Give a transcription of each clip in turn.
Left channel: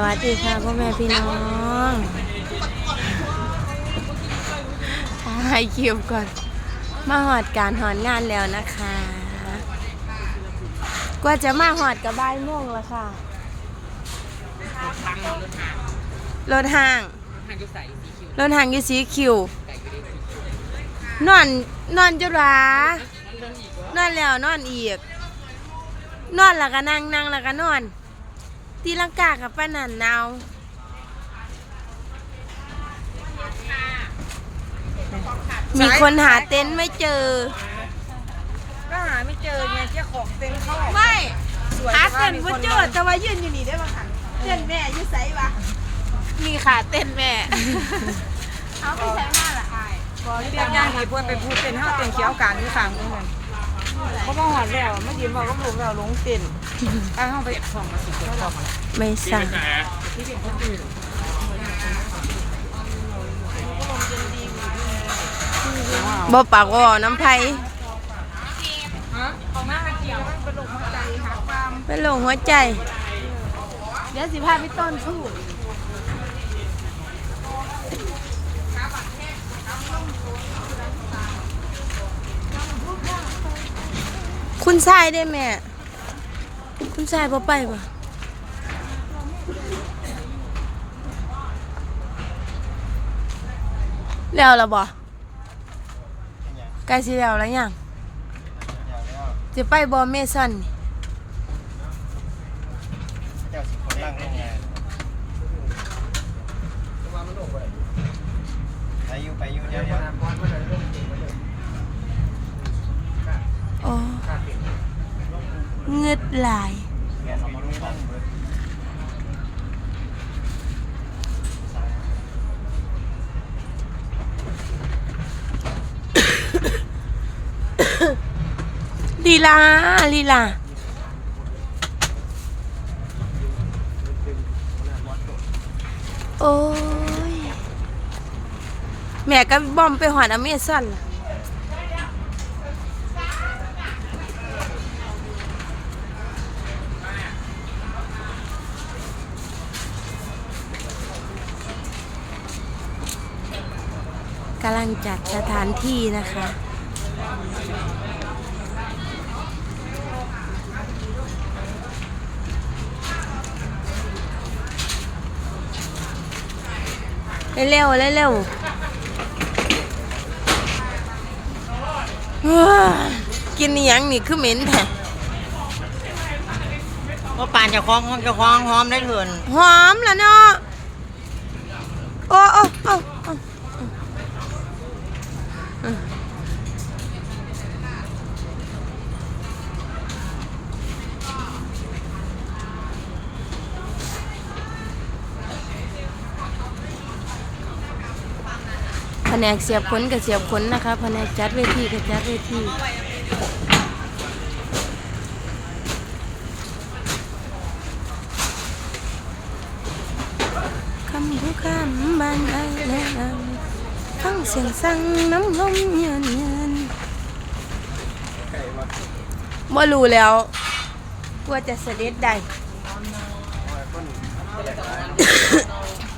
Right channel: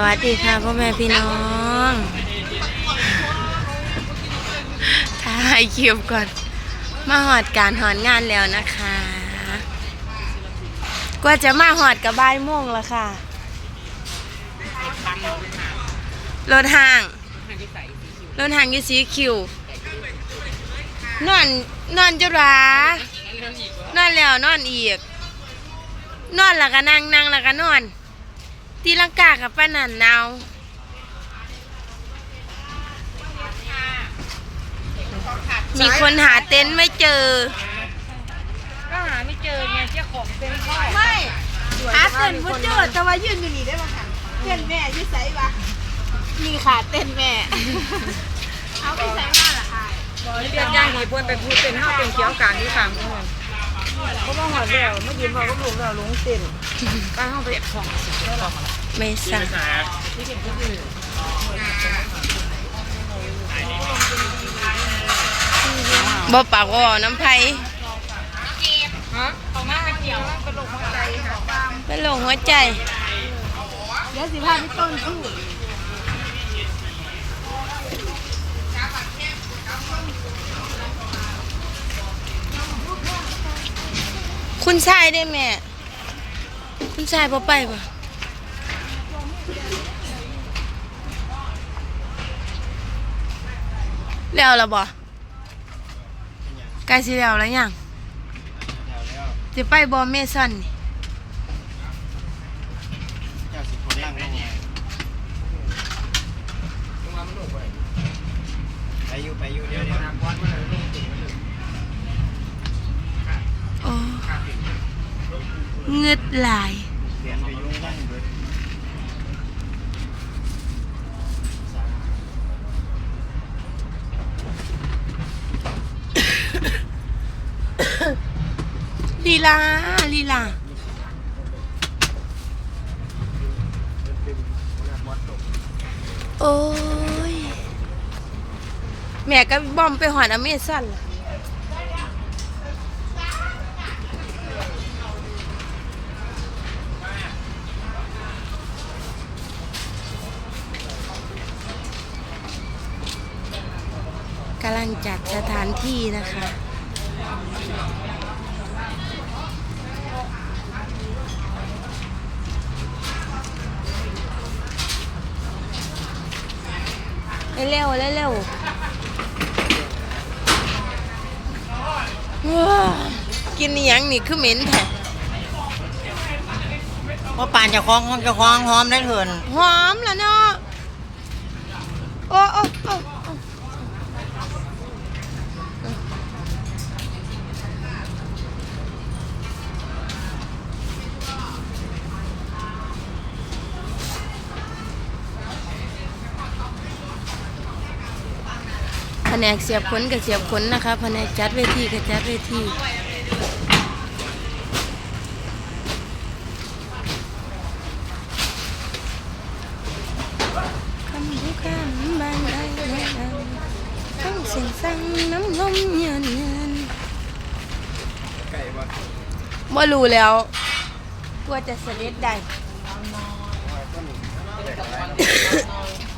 สวัสดีค่ะพ่อแม่พี่น้องถ่ายคลิปก่อน มาหอดการหอนงานแล้วนะคะ กว่าจะมาหอดกับบ่ายโมงแล้วค่ะ รถห่าง รถห่างยี่สีคิวนอนนอนจุรานอนแล้วนอนอีก นอนแล้วก็นั่งนั่งแล้วก็นอน ตีลังกากับป้านันเนามีคนหาเต็นท์ไม่เจอ ก็หาไม่เจอไงเจ้าของเต็นท์เขาออกไม่หาเต้นบ่เจอแต่ว่ายืนอยู่นี่ได้บ่คันเต้นแม่อยู่ไสวะมีขาเต้นแม่เอาไปใส่มาล่ะค่ะเรียกย่างหีบวนเป็นผู้เต็นท์ห้าเต็นท์เขียวกลางที่สามคน เขาบอกหอดแล้วไม่ยืนพอก็ลงแล้วลงเต็นท์เอาห้องไปของไม่สั่งบ่ปากว่าน้ำไผ่ฮะของแม่ไม่เกี่ยวกระโดดหัวใจค่ะเป็นลงหัวใจ เดี๋ยวสิพาไปต้นทูบ คุณชายได้แม่ คุณชายพอไปปะแล้วละบ่ใกล้สิแล้วแล้วยังจะไปบอเมสันนี่ เจ้าสิคนนั่งลงไงไปอยู่ไปอยู่เดี๋ยวเดี๋ยว โอ้ เงึดหลาย ลีลาลีลาโอ้ย แม่ก็บอมไปหอดอเมซอนล่ะ กำลังจัดสถานที่นะคะเร็วๆเร็วๆเฮ้ยกินอหยังนี่คือเหม็นแท้เพราะปานจะคล้องห้องจะคล้องหอมได้เถินหอมแล้วเนาะ นกเสียบขนกับเสียบขนนะคะแผนกจัดเวทีกับจัดเวทีคำผู้คำบางอันนั้นฟังเสียงสั่งน้ำลมเย็นเย็นไก่วะบ่รู้แล้วกลัวจะเสด็จได้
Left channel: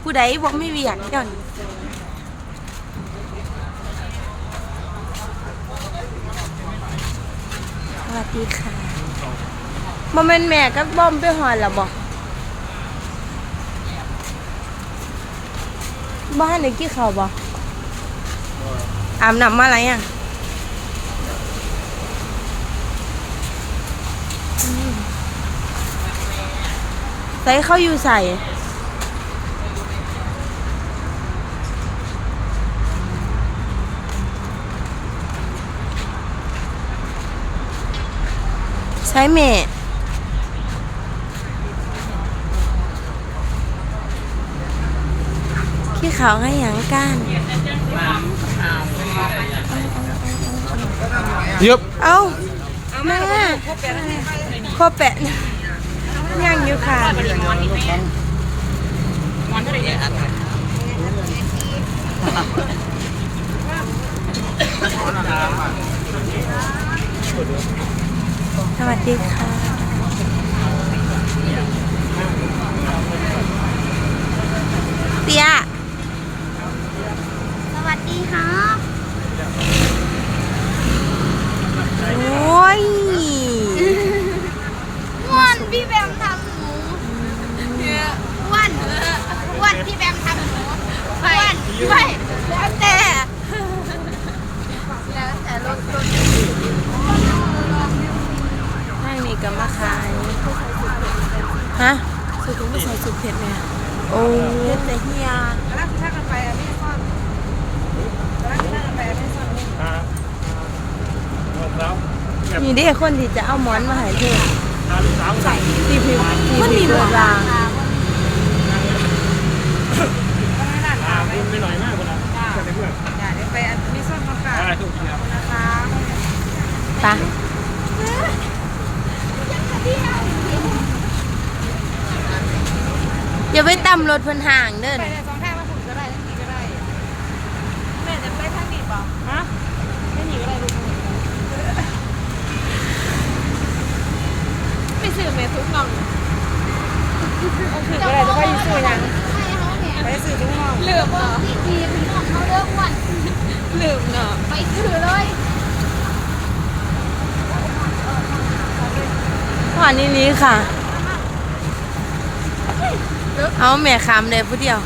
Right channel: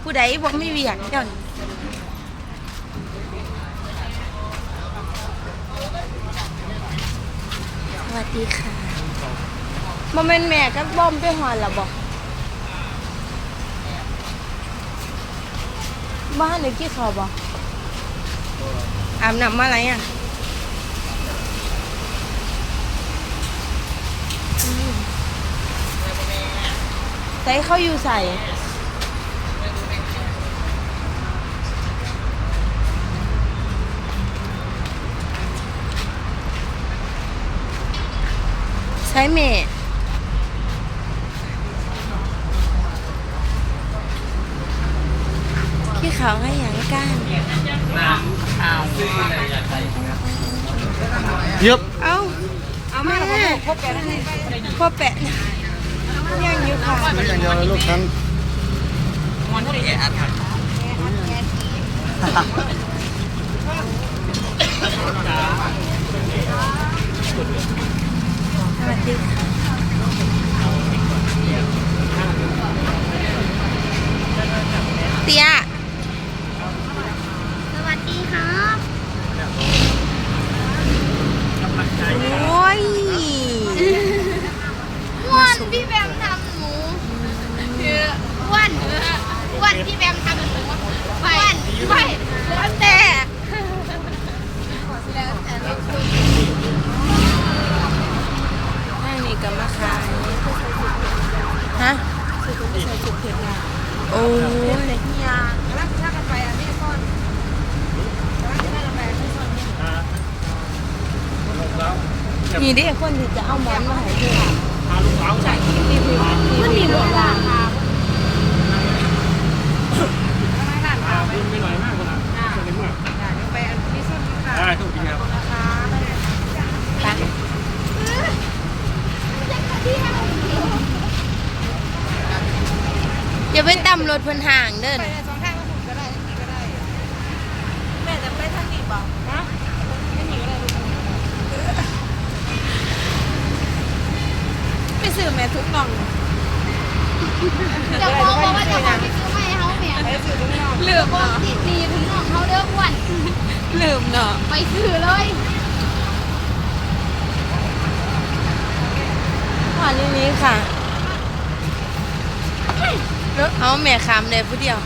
ผู้ใดบอกไม่เวียกเดี๋ยวนี้ สวัสดีค่ะบ่แม่นแม่กับบอมไปหอนละบอกบ้านไหนกี่เขาวบ่อาบน้ำมาอะไรอะใส่เขาอยู่ใส่ ใช้เมฆพี่เขาให้หยังก้านยึบเอาเอามาครบแปดให้ไปพ่อแปะนะยังอยู่ค่ะเดี๋ยวลูกนั้นวันเท่าไหร่เนี่ยส วัสดีเตี้ย ทางนี้ก็มาขายฮะโอ้ยเฮียนี่เด็กคนที่จะเอาหมอนมาให้เธอพาลูกสาวใส่ที่พื้นที่มีรถรางพาคุณไปหน่อยมากคนละจะไปเมื่อไปอันนี้ส้มค่ะได้ทุกแล้วปะ อย่าไปตำรถเพิ่นห่างเด้อนะสองแท่งมาถึงก็ได้ทั้งนี้ก็ได้แม่จะไปทางนี้ป่ะฮะไม่ซื้อแม่ทุกน้องจะบอกว่าจะซื้อยังซื้อให้เขาเนี่ยไปซื้อทุกอย่างเหลือบ้องที่ดีพี่น้องเขาเลิกอ้วนลืมเนาะไปซื้อเลย หอนนี้นี้ค่ะ เอาแม่คำเลยผู้เดียว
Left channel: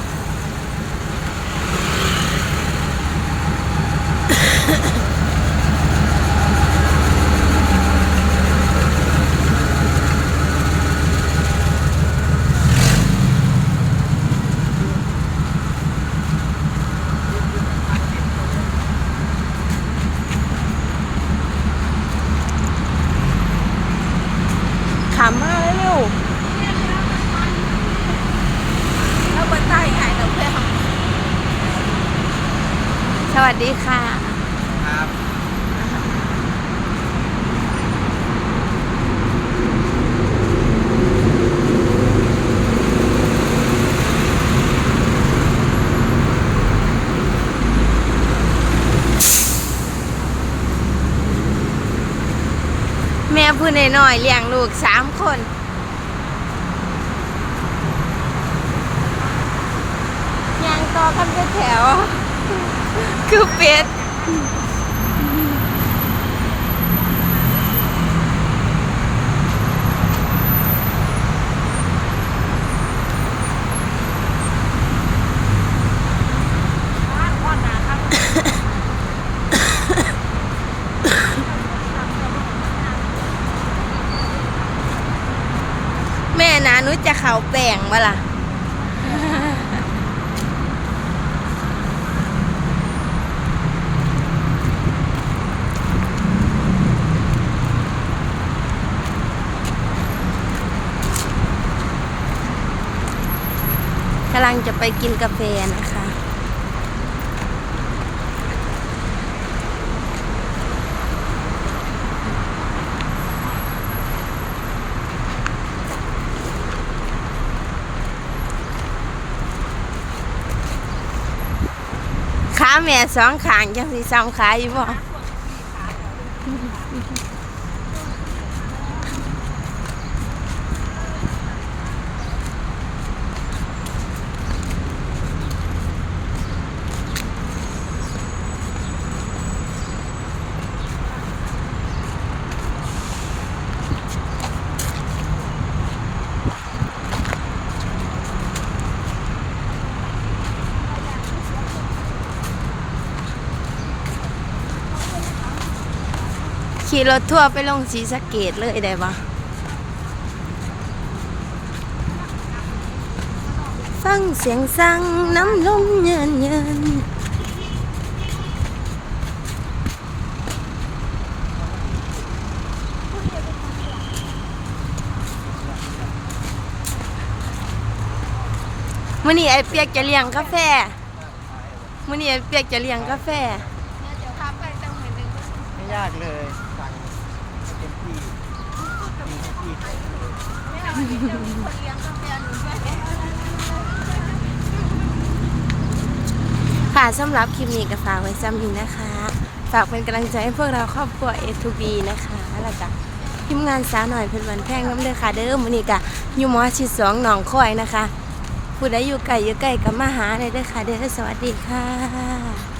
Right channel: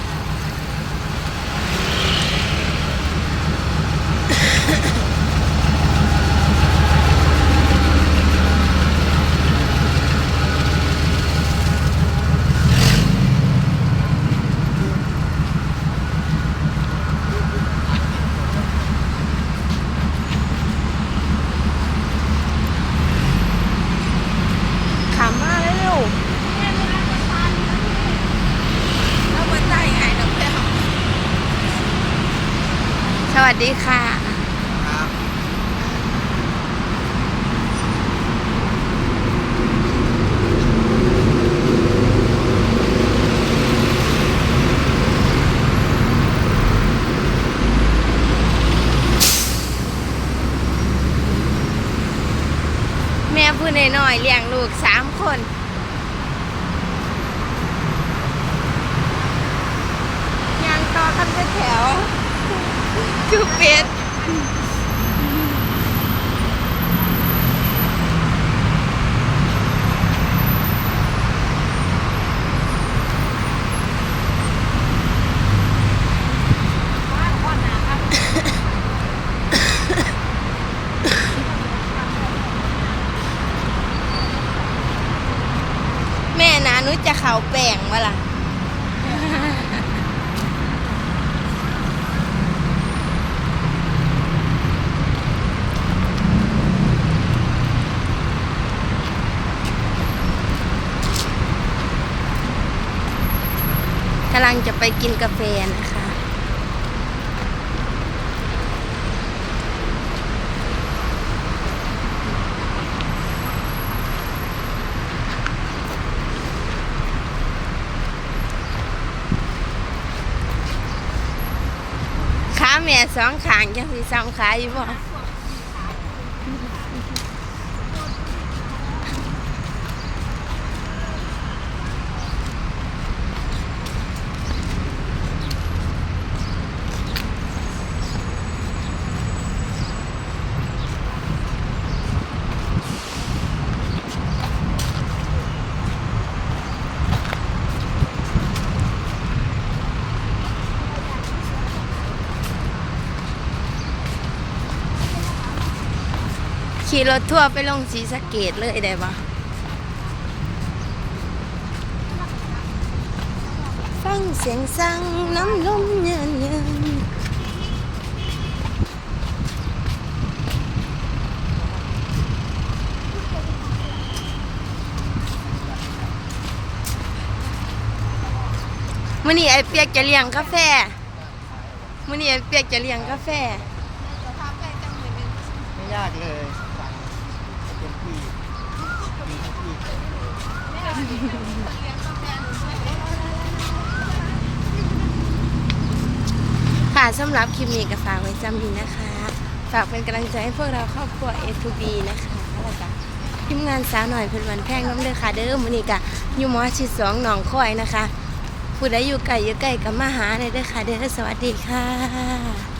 ขำมากเลยลูกสวัสดีค่ะ นน้อยๆเลี้ยงลูกสามคนยังต่อกันไปแถวคือเป็ด จะเขาแป่งมาล่ะ กำลังจะไปกินกาแฟนะคะ ขาแม่สองขางยังมีซ้ำขาอยู่บ่ ขี่รถทั่วร์ไปลงสีสะเกตเลยได้ปะฟังเสียงสั่งน้ำลมเย็นเย็นมื่อนี้ไอเปียกจะเลี้ยงกาแฟมื่อนี้ไอเปียกจะเลี้ยงกาแฟ ไม่ยากเลย ค่ะสำหรับคลิปนี้ก็ฝากไว้ซ้ำนี้นะคะ ฝากเป็นกำลังใจให้พวกเราครอบครัวเอทูบีนะคะแล้วก็ทีมงานสาวหน่อยเพชรวันแพงน้ำเด้อค่ะ เด้อมื้อนี้ก็อยู่มอชิดสองหนองคอยนะคะผู้ใดอยู่ไกลอยู่ไกลกับมาหาเลยเด้อค่ะ เด้อสวัสดีค่ะ